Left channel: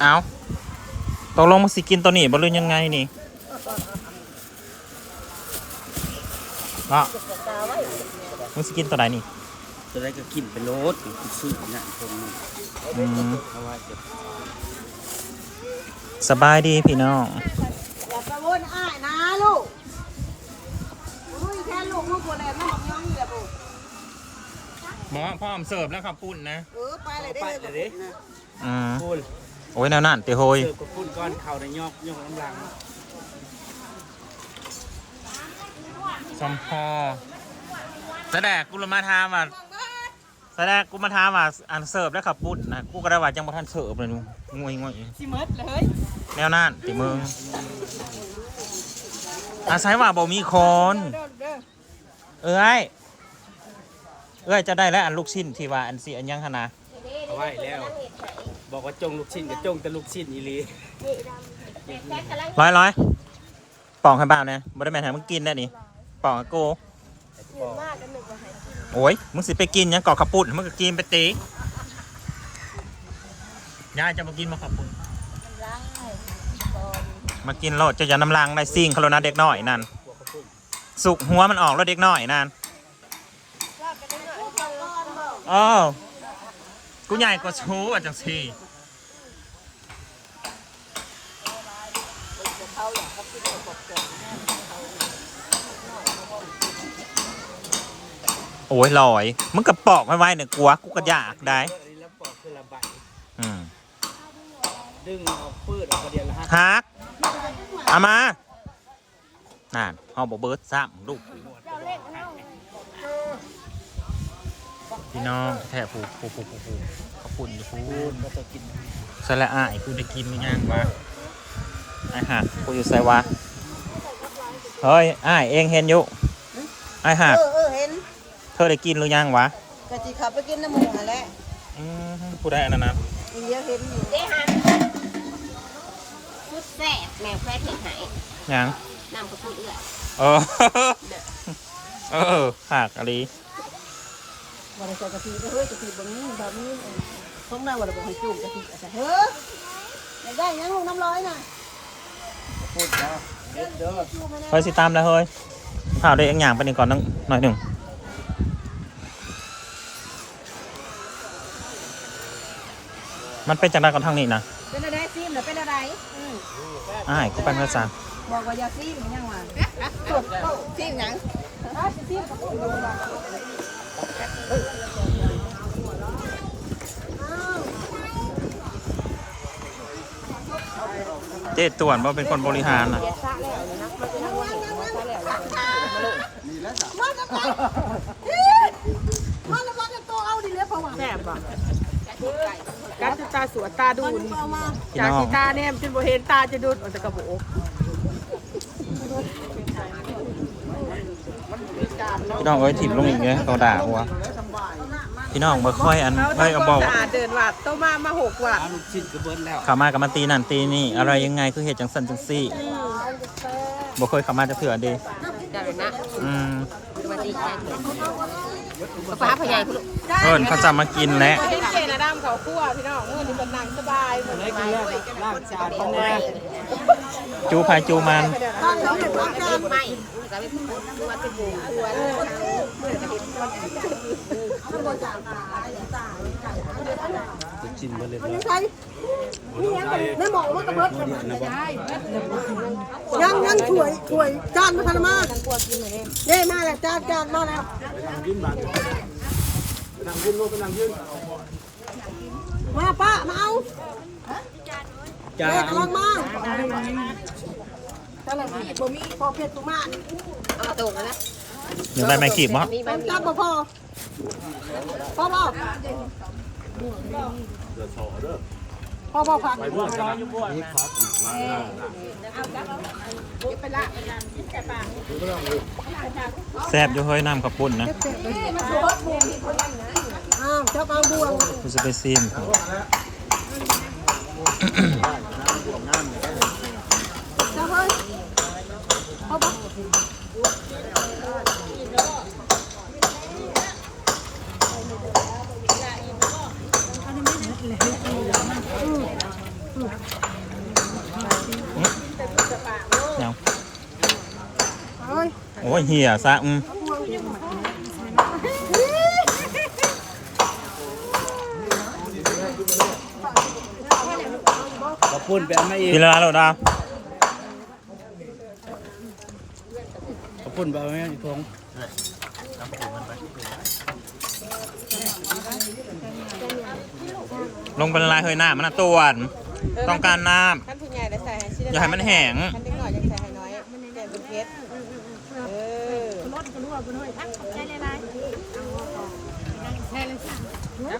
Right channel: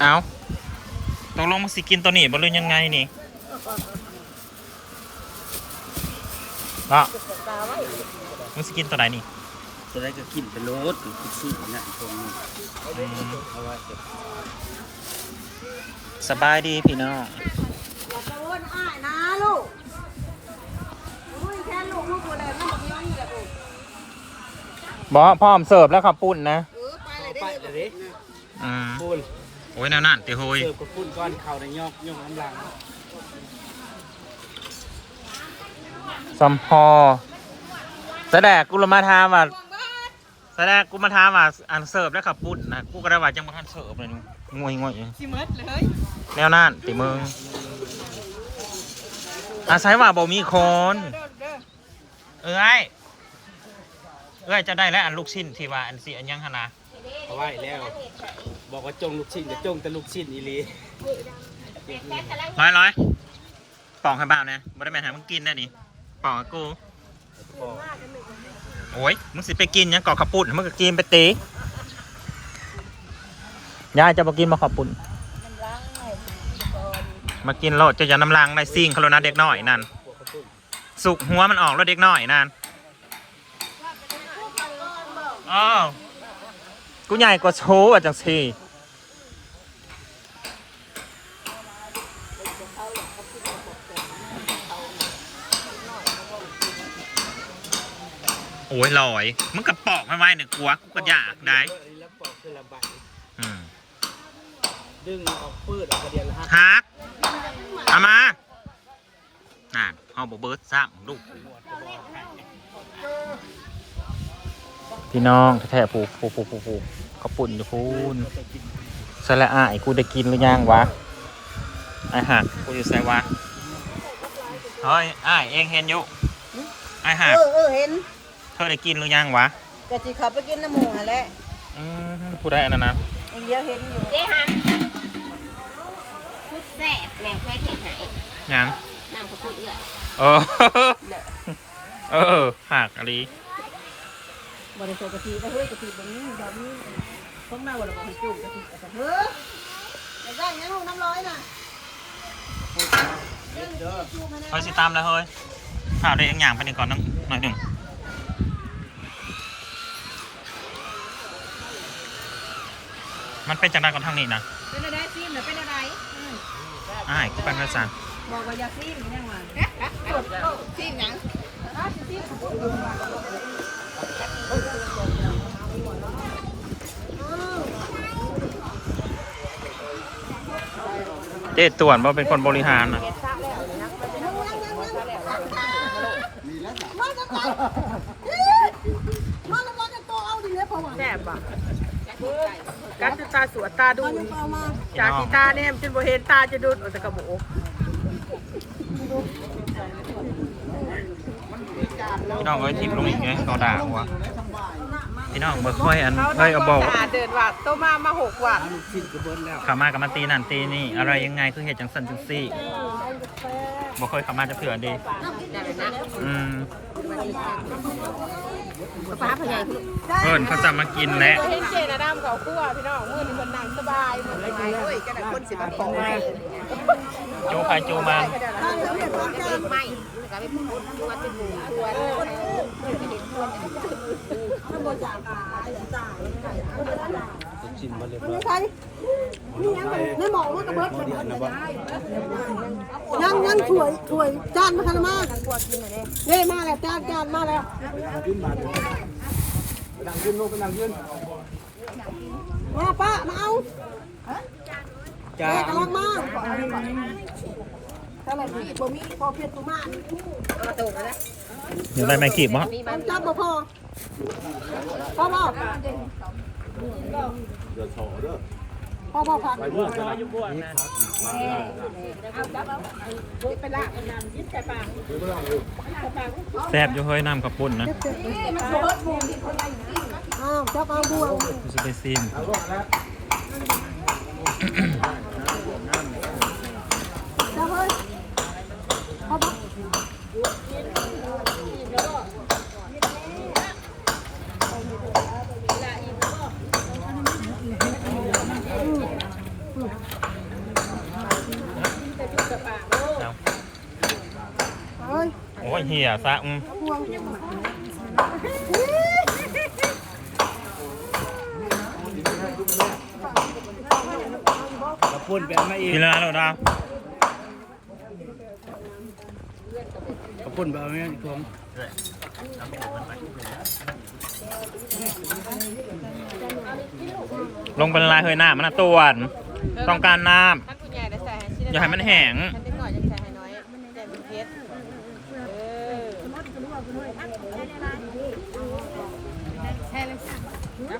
เอาตกลงมึงสิกินตัวนี้บ่รู้ยังไงนี่ก็มึงสิกินตัวไหนนี่จะได้ก็กินไปโลดอยู่ที่ซื้อนั่นตรงนี้อืมเอาไว้จะสบายดีพี่น้องอย่าไปวนอ้ายนะลูกบ่รู้อีแค่ลูกลูกบัวแดงน้ำมันย่องอย่าลูกบอพร้อมเสิร์ฟแล้วครับปุ้นนะ เออไปเลยไปได้เลยดิอืมพูน โอ้ยแนวนั่นเตะโฮยเสิร์ฟกับพูนก้อนเข่าในยอกยกน้ำลังซัมพอแสดงกูละมาทามว่าแสดงกูมาทามว่าอันเสิร์ฟแล้วครับปุ้นนะกูก็ได้ว่าจังบ่ทันเสิร์ฟเลยนูงวยงวยสิเมดเลยแนวนั่นติมึงอาศัยว่าบ่มีคนเอ้ยเอ้ยจะได้แล้วอันลูกชิ้นที่ว่าอันสิอันยังหนนะเอาไว้แล้ว บอกว่าจงลูกชิ้นกับจงแต่ลูกชิ้นอีหลีร้อยร้อยปองให้บ่าวเนี่ยบ่ได้แม่นให้มึงกินได้นี่ปองกับกูโอ้ยมึงสิไปกินยังกอกขับปุ่นมึงก็กินไปตียายจะมากินมาขับปุ่นมากินโลดจะจะน้ำลังในซิ่งเขาแล้วนะเด็กน้อยนั่นสุกหัวมันออกแล้วเด็กน้อยนั่นอ๋อกูใหญ่กว่าโชว์อะจังซี โอ้ยลอยมึงกระปอกไม่ไหวเนี่ยกลัวกูก็อยากได้แล้วปอกคือละใบอืมดึงออกปืดออกกระเดียนละห้าฮักเอามานั่นเอาบอเบิร์ดซ้ำลูกหมดจะบอกให้พี่น้องแท้ๆผูผูผูผูผูเขาปุ่นอยู่พูนสละอ่ายกูได้กินหรือยังวะไอหักกูอยู่ใส่วะเฮ้ยอายเองเห็นอยู่ไอหักเออเออเห็น เธอได้กินหรือยังวะกะจิขับไปกินน้ำหมูนั่นแหละอืมกูได้อันนั้นนะไอ้เหี้ยเห็นอยู่เด้ฮันพุดแซ่บแมวแฟเห็ดหายยังนำกระพุดเอื้อยเออเออหักอะไรบ่ได้ใส่กะทิไปเฮ้ยกะทิแบบนี้แบบนี้ต้องได้บ่ได้บ่ให้จุ่มกะทิเอาใส่เฮ้ยอย่าได้ยังลูกน้ำร้อยน่ะเฮ้ยสิตามแล้วเฮ้ยข่าวได้อีกอย่างไปหนึ่งก่อนนึงหน่อยหนึ่ง มันเป็นจากใดก่อนทางนี้นะเป็นอะไรซิมหรือเป็นอะไรอืมอ้ายกูเป็นภาษาบอกว่าอย่าซิมยังว่าซิมหยังเจ๊ต่วนว่าเป็นคนบริหารนะ มาแล้วกันมาแล้วกันจะโตเอาดิเลยเพราะว่าแม่บ่ กัดตาสวดตาดูนจากที่ตาเนี่ยจนบ่เห็นตาจะดูดมันจะกระโบพี่น้องเอ้ยถิ่มลงอีกเนี่ยเขาด่าหัวพี่น้องบ่ค่อยอันเอ้ยเอาบอกตาเดินวัดต้มามาหกวัดขามากับมาตีนั่นตีนี่อะไรยังไงคือเหตุจังสันจังซี่บ่เคยขามาจะเถื่อเดีอืมป้าพยายเอิญเขาจะมากินแหละ กินแล้วลางจานแน่จูพายจูมันตอนเขาเก็บของกันไม่ชิ้นมาเลยยังไงนี่ยังในหมองมันกระเบิดยังยังถ่วยถ่วยจานมาพนมาเย่มาแล้วจานจานมาแล้วนั่งยืนลูกนั่งยืนมาป้ามาเอา จ้าเย่กำลังมาแต่ละมีบ่มีพอเพชรตุมาเอาตรงนะยังได้ไม่ขีบมั้ต้องจับบ่พอพ่อพ่อเดือดสอเด้อพ่อพ่อผักไปเมื่อกันนะนี่ครับมาหน้าหน้าแซ่บอยู่เฮ้ยน้ำกระปุ่นนะอ้าวจับเอาบวงกูจะไปซิม จับเฮ้ยพ่อพ่อ โอ้ย โอ้ยเหี้ยซะอืม ขอบคุณไปเอามาเองกินแล้วนะโหลดาวขอบคุณไปเอามาเองผมลงเป็นลายเฮยหน้ามันนะตวนต้องการน้ท่านผู้ใหญ่ได้ใส่ให้ชิ้นำอย่าให้มันแห้ง นิดหน่อยจะใส่ให้น้อยมันแดงเป็นเพชร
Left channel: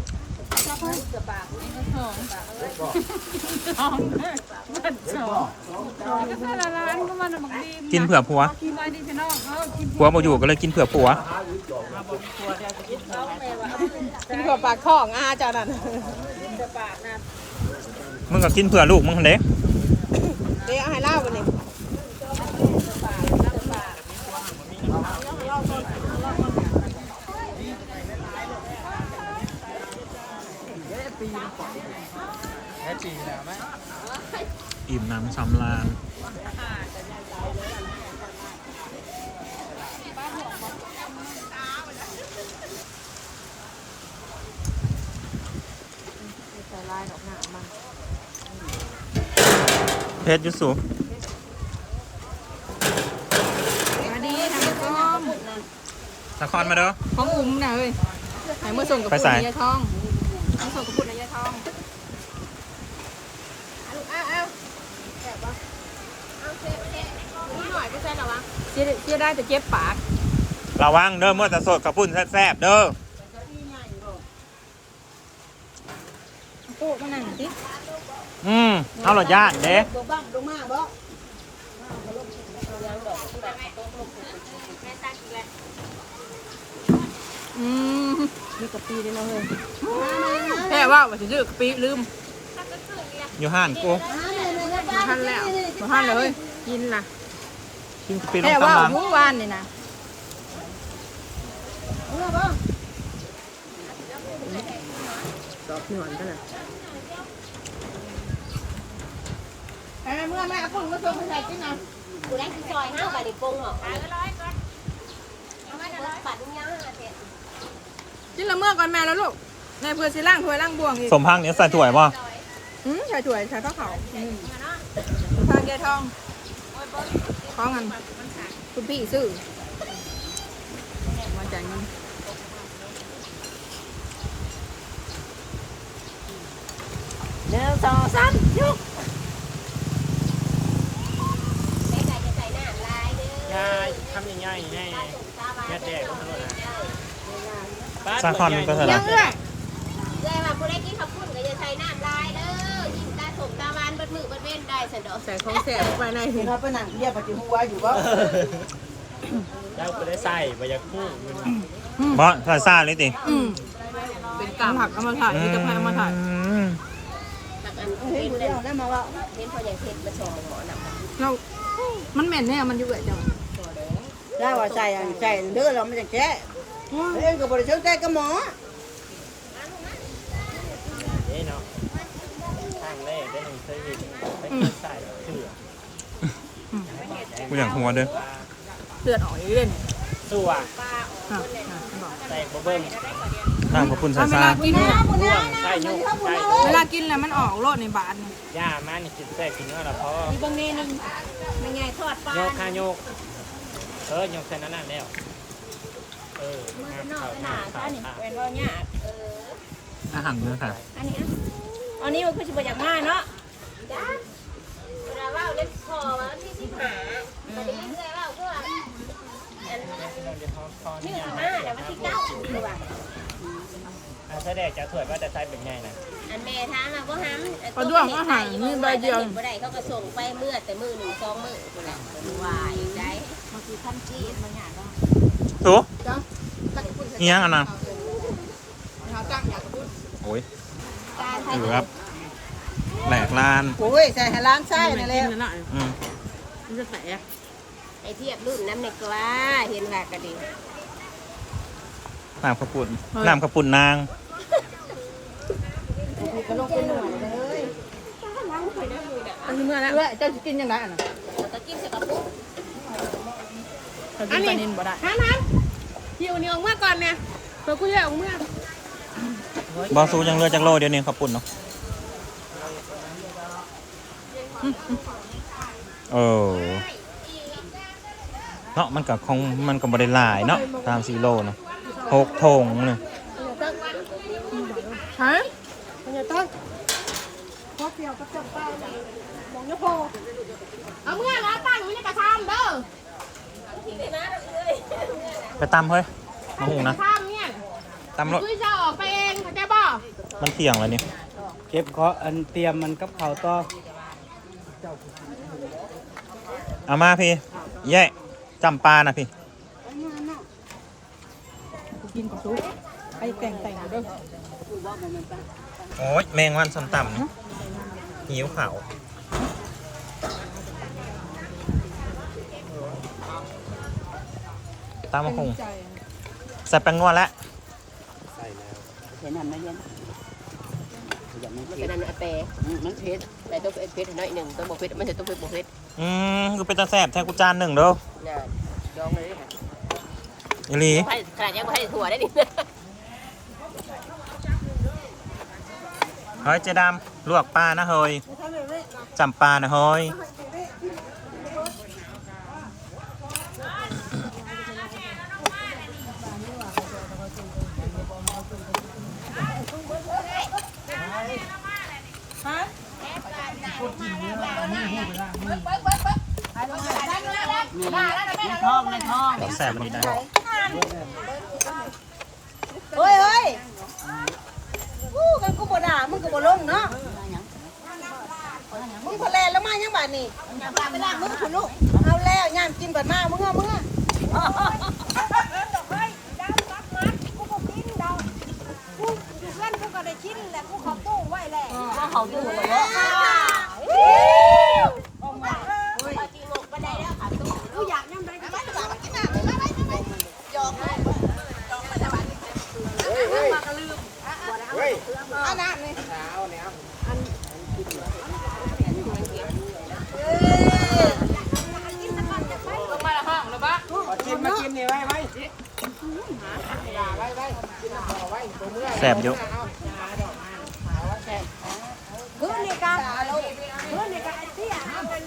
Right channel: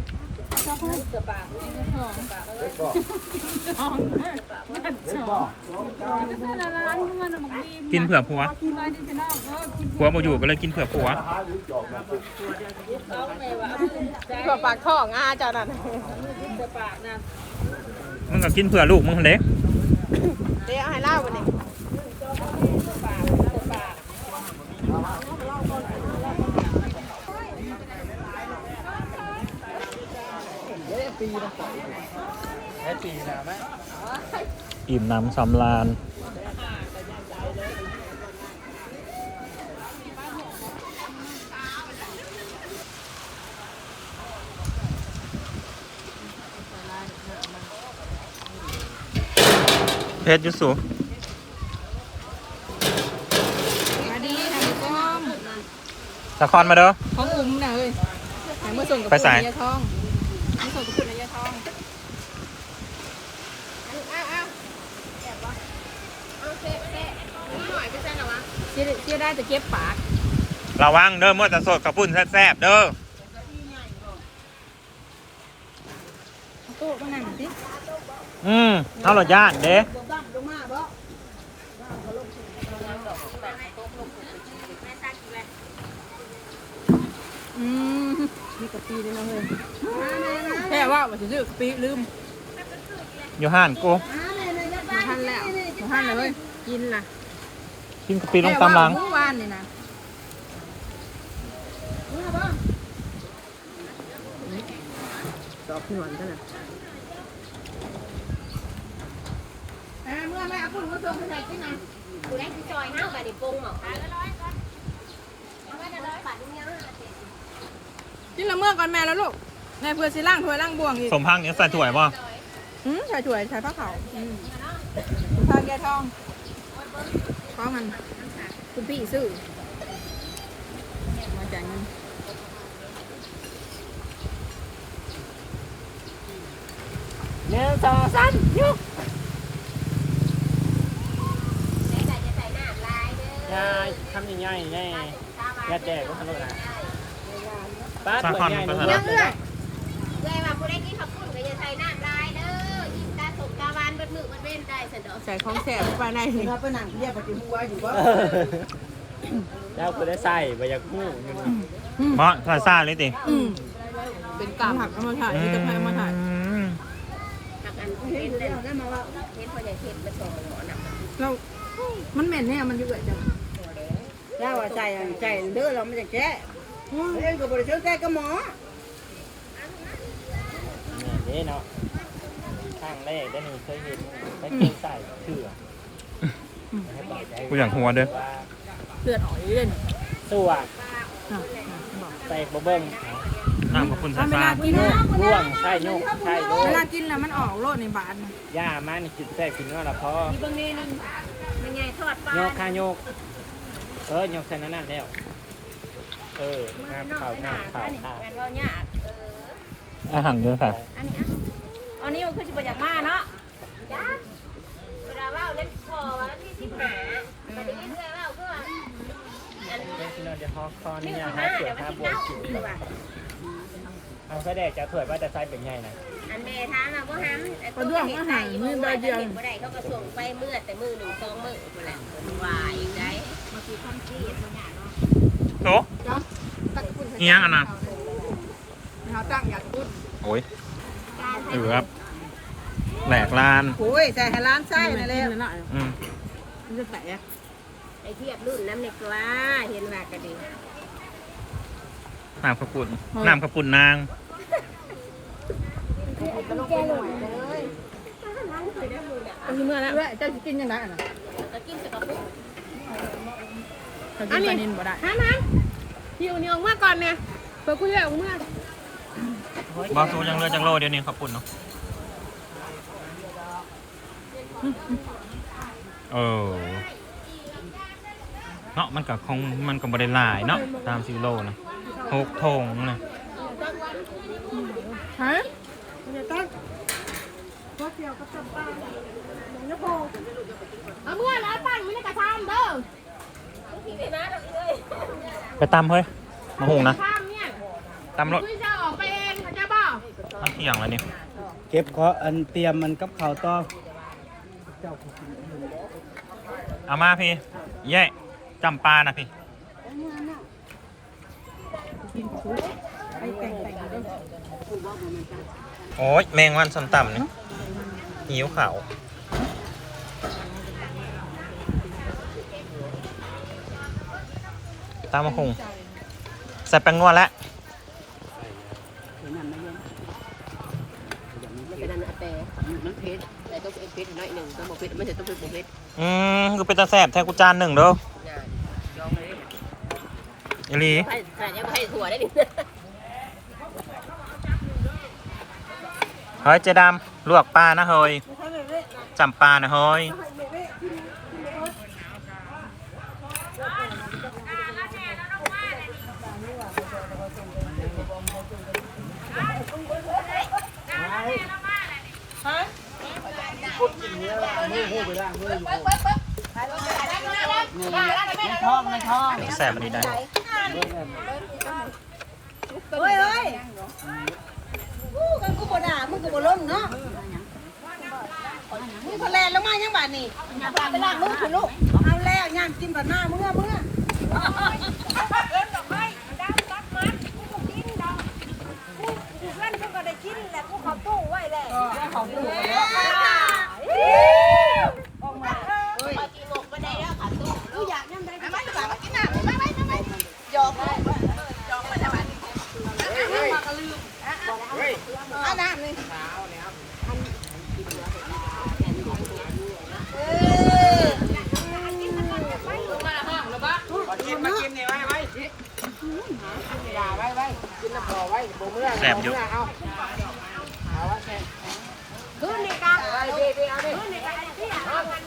กินเผื่อผัวผัวมาอยู่ก็เลยกินเผื่อผัวเผื่อปากท้องอาเจ้านั่นมึงก็กินเผื่อลูกมึงคนเด้เดี๋ยวให้เล่าวันนี้ แค่ปีนะนะอิ่มน้ำสำราญเพชรยุสุมาดีทำต้มละครมาเด้อของอุ้มนะเฮ้ยไหนเมื่อส่งกับไปปุ่นใส่ในยาทองเมื่อส่งกับปุ่นในยาทองอ้าวอ้าวเจ๊เจ๊ได้แต่เก็บปากระวังเด้อเมื่อจะสดกับปุ่นแซ่บๆเด้อตู้มานั่งสิอืมเอาหลอดย่านเด้อืมมีกะปิด้วยนะเฮ้ยแค่ว่าว่าจะซื้อกะปิลืมอยู่ห้านกูมาทันแล้วมาทันเลยกินล่ะ กินกะปิลงตำลังแค่ว่าเมื่อวานนี่นะดอกหนอนกันนะเอ้ยเมื่อแม่คุณมาส่งไปใส่ที่ไหนแล้วที่ซอยห้าบาทปรุงหรอคะร้อยก่อนเอามาร้อยบาทนึงยังอะเจ๊กินละเมื่อก่อนแม่แล้วลูกในเพื่อสิล่างถ้วยล่างบวงอีกสมพังเนี่ยใส่ถ้วยป่ะอืมใส่ถ้วยใส่ผ้าขาวอืมทานยายทอง ท้องกันคุณพี่ซื้อมาจ่ายเงินหนึ่งสองสามยุกง่ายทำง่ายๆแน่ยัดแดกก็สนุกนะซาคอนก็สยัลังด เบัดเว้นได้สันดอกใส่ของแสบไปในถึงเขาไปนั่งเรียกปฏิหัวอยู่บ่เจ้าก็ได้ใส่ไปอยากพูดเพราะใส่ซ่าเลยติอืมเป็นกามผักเอามาถ่ายนี่จะพายเอามาถ่ายอืมเห็นเดียวได้มาว่าเห็นพออย่างเห็นกระสองหมอน่ะแล้วมันเหม็นเนี่ยมันอยู่เอื้อยจังได้ว่าใจอันใจเด้อเราไม่จะแก้เองก็บริสุทธิ์ใจกับหมอนี่เนาะข้างแรกได้หนึ่งเคยเห็นไปใส่เกลือกูอยากหัวเด้อเลือดออกอยู่เล่นตัวอะอะบอกแตกบะเบิ้งอ้าวขอบคุณเอาซ่าเวซ่าลากินเนี่ยร่วงใช่ยุกใช่เวลากินแล้วมันออกโลดในบาทนี่ย่ามานี่กินแตกกินน้อยละพอมีบางเนนึงเป็นไงทอดปลาโยกข้าโยกเออโยกใส่นั่นนั่นแล้วเออแม่นอข่ากวหหน้าน้าข่าตาวนี่ตาเป็นบ่เนี่ยอาหารเด้อค่ะอันนี้อันนี้มันคือสิบจากมาเนาะจ้าเวลาว่าเล็บคอที่สิบหาอันนี้เวลาว่า เราจะทอดคอ นี่ นี่ ห ยัง น้า ไม่เสี เดี๋ ย ยวมัน มา ที่ ปว เก้า ด คื อว่าอันแสดงจะถวยว่าจะใช้เป็นไงนะอันแม่ทางอะก็หันบ่ได้เขาก็ส่งไปเมื่อแต่มือหนึ่งสองมือคนละวายได้บางทีคำชี้มันหยาดเนาะถูตั้งคุณนี่ยังอันน่ะนะครับตั้งอยากพูดโอ้ยเออครับแหลกลานโอ้ยใส่ให้ร้านไส้ไม่นั่นแหกินละเลยนะอืมมันจะแตกไอเทียบรุ่นน้ำในกว่าเห็นว่ากระดิ่ง น้ำข้าวปุ่นน้ำข้าวปุ่นนางอันนี้เมื่อแล้วเจ้าจะกินยังไงอะนะแล้วก็กินสกับปุ๊บเขากินปลานินบ่ได้ฮะน้ำพี่เอานี่ออกมาก่อนเนี่ยเปิดกูจะออกมาบอสูยังเลือจากโลเดียวนี้ข้าวปุ่นเนาะเออเนาะมันกับคงมันก็บริลายเนาะตามซีโร่นะ หกทงเนี่ยฮะเอาเมื่อแล้วตั้งไว้ในกระชามเด้อไปตำเฮ้ยมาหุงนะชามเนี่ยตำรถคุยจะออกไปเองเขาจะบอกมันเที่ยงแล้วนี่เก็บขออันเตรียมมันกับข้าวต่อเอามาพี่แย่จำปลานะพี่ กินปลาซุปไปแต่งแต่งเด้อโอ้ยแมงวันสันต่ำนี่หิวข่าวตามมาคงใส่แป้งนวดแล้วเห็นนั่นนะยังมันก็นั่นอาเปมันเพชรแต่ต้องเพชรน้อยหนึ่งต้องบอกเพชรไม่ใช่ต้องเพชรบอกเพชรอืมกูเป็นตาแสบแทนกูจานหนึ่งเด้อน่ะจองเลย อีหลีให้ขนาดยังไม่ให้ถั่วได้ดิเฮ้ยเจดำลวกปลานะเฮ้ยจำปลานะเฮ้ยแสบมันดีได้ เฮ้ยเฮ้ยกูกัน กูบ่ด่ามึงก็บ่ลงเนาะมึงพอแลนแล้วมายังบาดนี่ไปล้างมือคุณลูกเอาแล้วย่ามกินก่อนมามึงอะมึงอะเพื่อนกูก็ได้กินแหละกูเขาตู้ไว้แหละก็เขาตู้ไว้แล้วออกมากูอยากยังไงก็ไม่ได้กินน้ำไม่ไม่ไม่ยอมเลยมากระลืมบ่ได้เอาน้ำนี่เออ มาละห้องหรือปะ กินมากินนี่ไว้ไว้อย่าไว้ ไว้กินน้ำพอไว้บ่เมื่อแสบอยู่พื้นนี่กาพื้นนี่กาไอ้เตี้ยเอามัน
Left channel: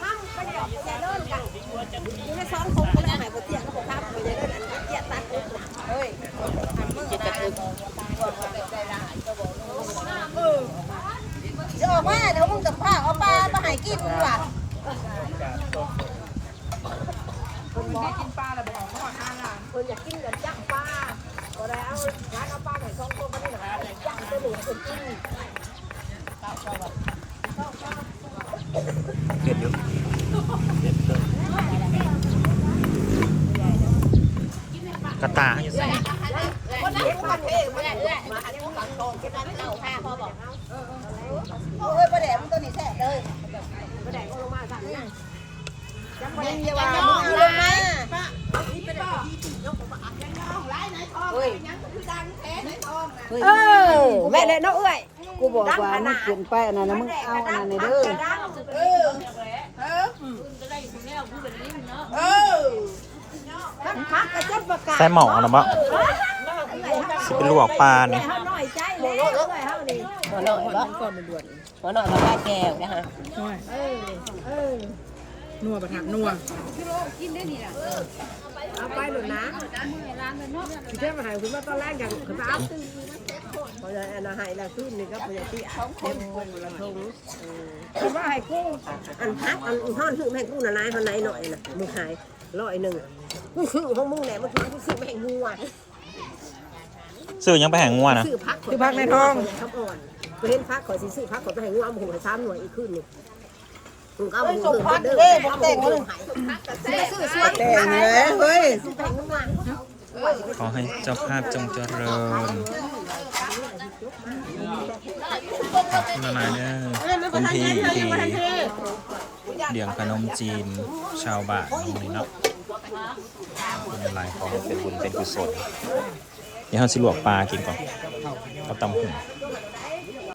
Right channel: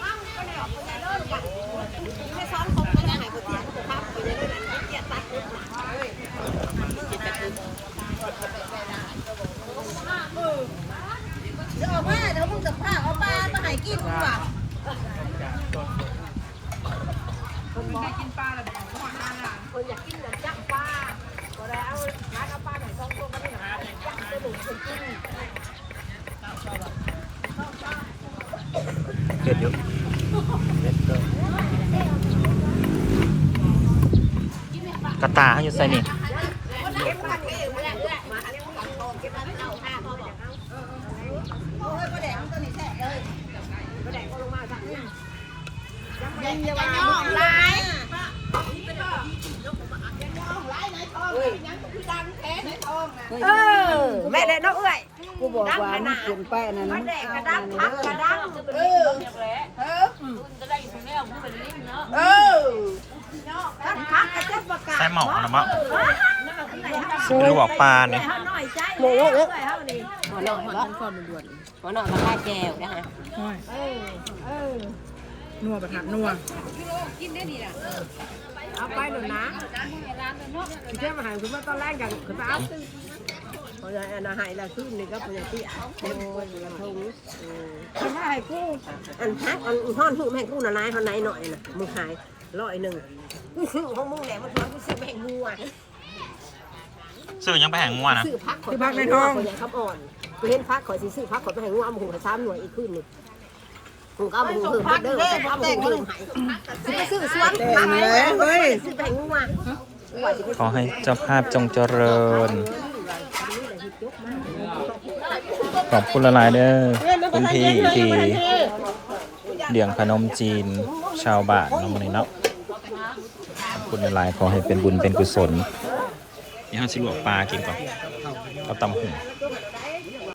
ข้ามไปเนี่ยอย่าเลิกกันอยู่ในซ้อนคงมันไหนบ่เตี้ยก็ข้ามไปเลยนั่นเตี้ยตัดเฮ้ยจะออกมาเดี๋ยวมึงจะพาเอาปลามาให้กินมึงว่ะเด็ดอยู่กระตาให้อยู่ใส่ นี่เฮ้ยประเดี๋ยวมันตัวนี้แท้เลยยังยังน้ องลายเออแม่เลยน้องเอ้ยกูบอกว่ามึงเปลี่ยนไปอันนั้นนะมึงเอาอันนั้นนี่เด้อเออเออเออใส่หมอนะบ่สิเป็นลวกปลาเนี่ยหน่อยใจเลยเอ้ยเฮานี่หัวหน้าหัวฉันก่อนมันด่วนหัวหน้ามาแก้วนะฮะน้อยเออเออนัวประทับนัว เอาไปหนุนนะที่เจ้ามาหายคุณมาตอนแรกอย่างคุณเอาพอจะอันหายแล้วขึ้นนี่ก็พอจะตีเต็มกระทงคือว่าให้กูอันพักอันห่อนหื้อแม่กูน่ะนายคนไหนหน่อยน่ะมึงหายร้อยหนึ่งกูซื้อของมึงแหละมันคือซื้อแม่งัวซื้อยังไปแห่งงัวนะซื้อพักคือพักในท้องครับอ่อนไปเห็นพักข่อยสิซื้อพักข่อยไปให้งัวเอามาหุงให้ซ้ำหน่วยอีกขึ้นนี่มึง ก็เอามาหุงเพิ่มเด้อแต่งเลยซื้อซื้อแต่งเลยเฮ้ยซื้อแบ่งงัวขอให้เจ้าภาพจงเจริญเขอบคุณละลายๆเด้อคุณพี่ที่เลี้ยงขนมจีน ชาวบ้านเนาะมื้อนี้เนาะขอบคุณละลายๆขอให้เป็นบุญเป็นกุศลเดี๋ยวเราสิลวกปลากินก่อนเอาตำหุ่น